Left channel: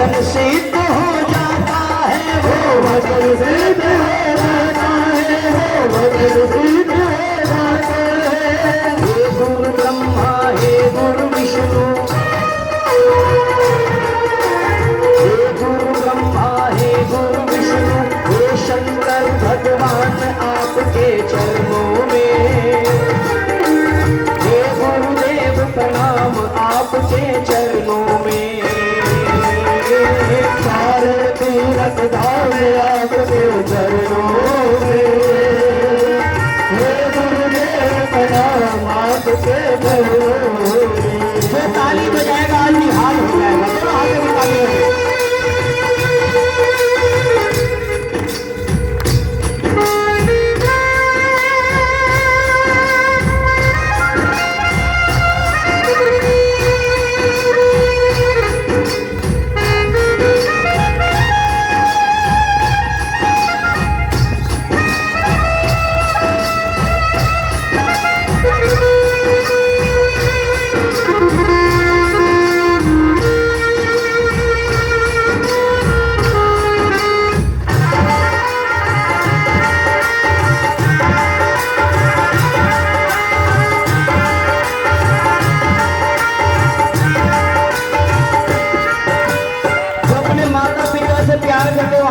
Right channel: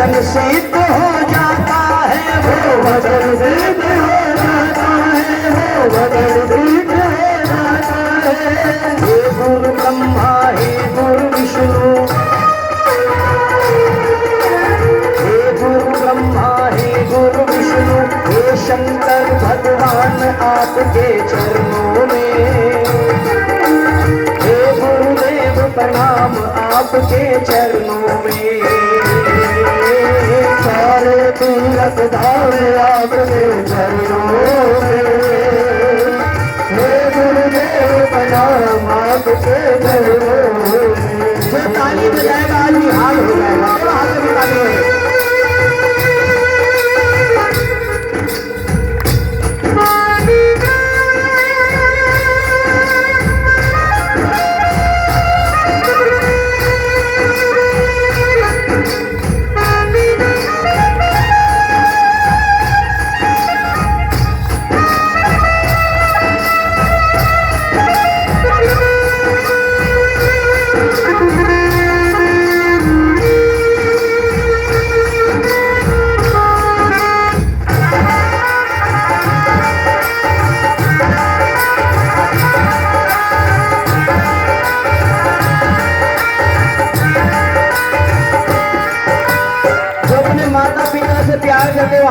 वचन सिद्ध हो जाता है, वो वचन सिद्ध हो जाता है, वो वचन सिद्ध हो जाता है। हे गुरु ब्रह्मा हे गुरु विष्णु, हे गुरु ब्रह्मा हे गुरु विष्णु, हे शंकर भगवान आपके चरणों में, हे गुरुदेव प्रणाम आपके चरणों में। सारे तीरथ धाम आपके चरणों में, हे गुरुदेव प्रणाम आपके चरणों में। जो ताली बजाएगा आज निहाल हो जाएगा। तो हाथ में ताली हो।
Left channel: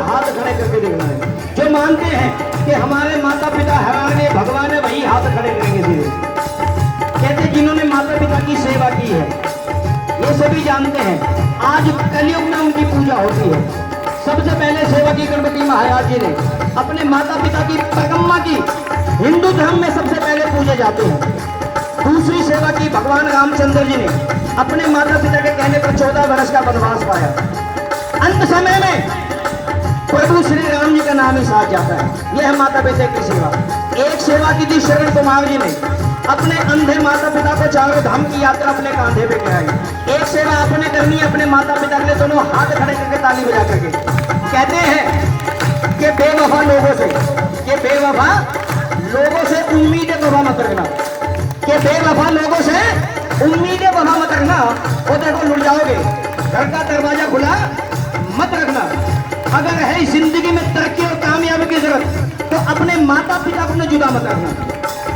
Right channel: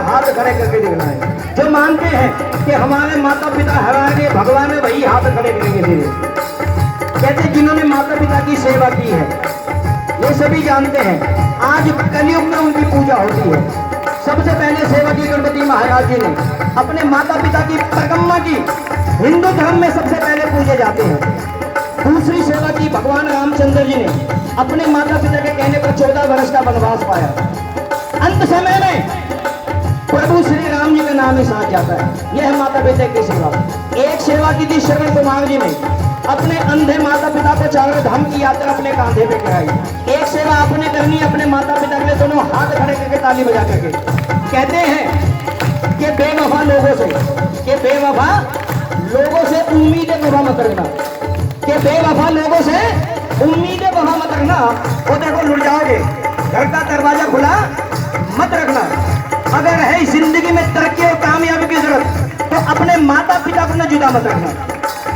हाथ खड़े करके दिखलाए। जो मानते हैं कि हमारे माता पिता हमारे भगवान है, वही हाथ खड़े करके दिए। कहते जिन्होंने माता पिता की सेवा की है, ये सभी जानते हैं आज कलयुग में उनकी पूजा होती है। सबसे पहले सेवा की गणपति महाराज जी ने अपने माता पिता की परिक्रमा की। हिंदू धर्म में सबसे पहले पूजे जाते हैं। दूसरी सेवा की भगवान रामचंद्र जी ने अपने माता पिता के कहने पर 14 वर्ष का वनवास पाया। अंत समय में प्रभु श्री राम जी का नाम ही साथ जाता है। यह है माता पिता की सेवा। एक सेवा की थी शरण कुमार जी ने, अपने अंधे माता पिता को चारों धाम की यात्रा अपने कांधे पे कराई। एक सेवा आपने करनी अपने माता पिता के लिए, दोनों हाथ खड़े करके ताली बजा करके। कहते हैं कि बेवफा लोगों से, कि बेवफा लोगों से उम्मीदें वफा मत रखना, कि बेवफा लोगों से उम्मीदें वफा मत रखना। वो देखो लुट जाओगे। घर का दरवाजा खुला मत रखना। अगर है जिंदगी में तरक्की और कामयाबी की जरूरत, तो अपने माता पिता को न जुदा मत रखना।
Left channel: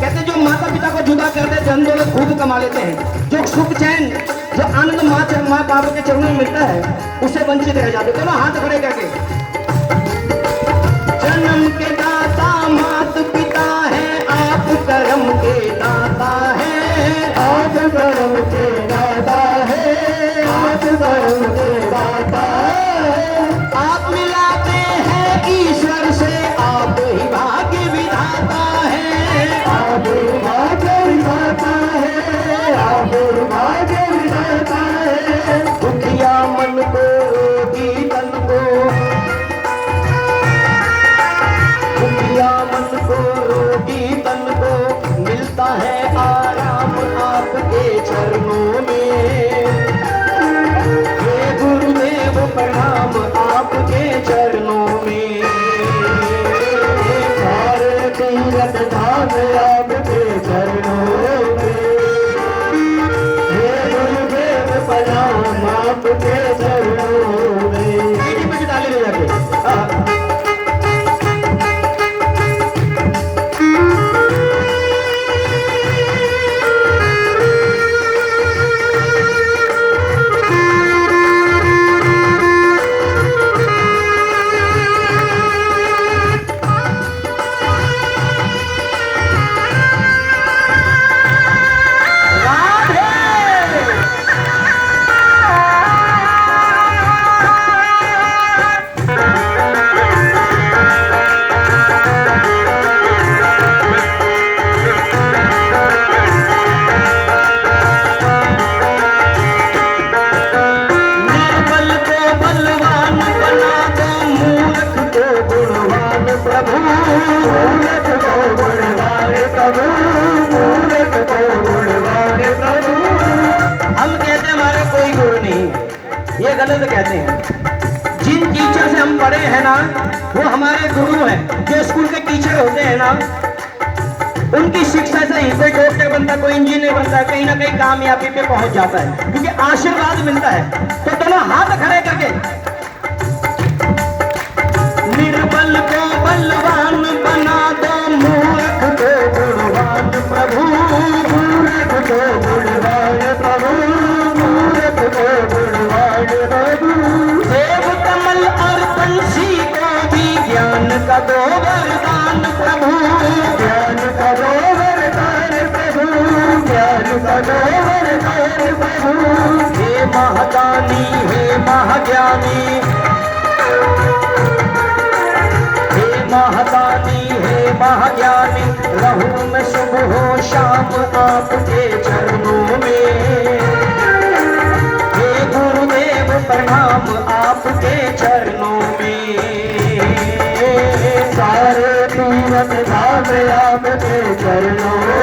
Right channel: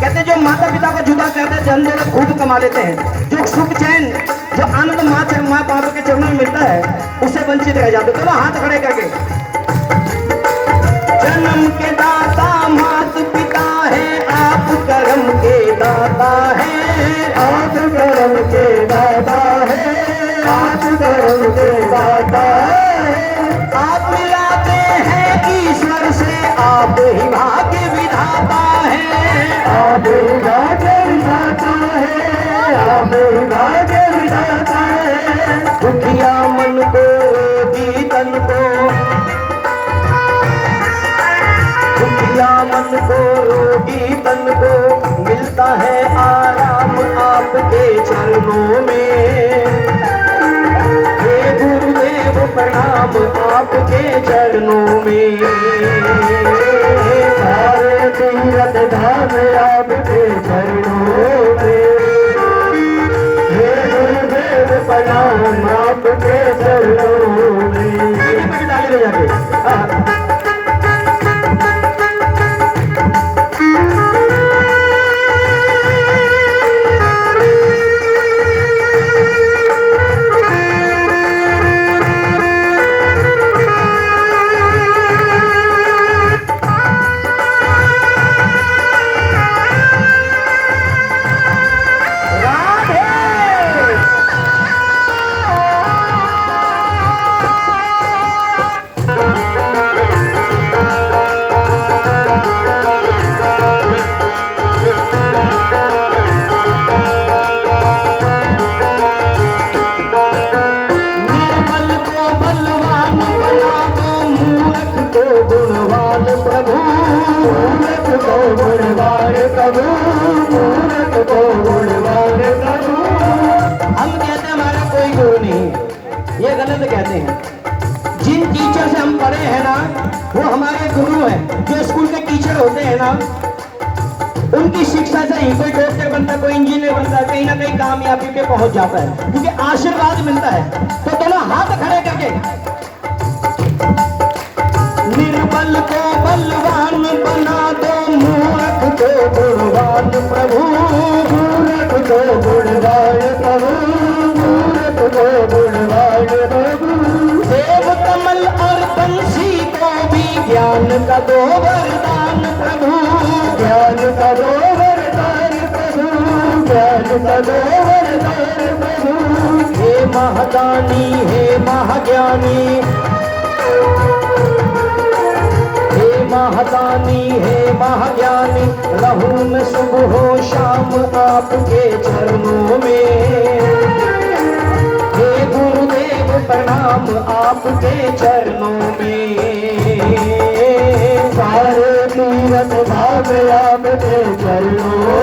कहते जो माता पिता को जुदा करते धन जगत खूब कमा लेते हैं। जो सुख चैन, जो आनंद माँ बाप के चरणों में मिलता है, उससे वंचित रह जाते। दोनों हाथ खड़े करके। जन्म के दाता माता पिता है, आप कर्म के दाता है, आप कर्म के दाता है, आप कर्म के दाता है। आप मिलाते हैं ईश्वर से, आप ही भाग्य विधाता है, आप ही भाग्य विधाता है, आप ही भाग्य विधाता है। दुखिया मन को रोगी तन को, दुखिया मन को रोगी तन को मिलता है आराम आपके चरणों में। प्रणाम आपके चरणों में। सारे तीरथ धाम आपके चरणों में। हे गुरुदेव प्रणाम आपके चरणों में। ताली बजा के ये गलत कहते हैं। जिन टीचर से हम पढ़े हैं ना, वो हमारे गुरु हैं। जो स्कूल के टीचर होते हैं ना, उनकी शिक्षा से ही कोई डॉक्टर बनता है, कोई इंजीनियर बनता है, कहीं ना कहीं कामयाबी पे पहुंच जाता है, क्योंकि आशीर्वाद मिलता है। तो दोनों हाथ खड़े करके निर्बल को बलवान बना दो, मूर्ख को गुणवान प्रभु, मूर्ख को गुणवान प्रभु, मूर्ख को गुणवान प्रभु। देव कमल और बंसी को भी ज्ञान का दो वरदान प्रभु, ज्ञान का दो वरदान प्रभु, ज्ञान का दो वरदान प्रभु। हे महादानी, हे महाज्ञानी, महादानी, हे महाज्ञानी, रहूं मैं सुबह हो शाम आपके चरणों में। हे गुरुदेव प्रणाम आपके चरणों में। सारे तीरथ भाग आपके चरणों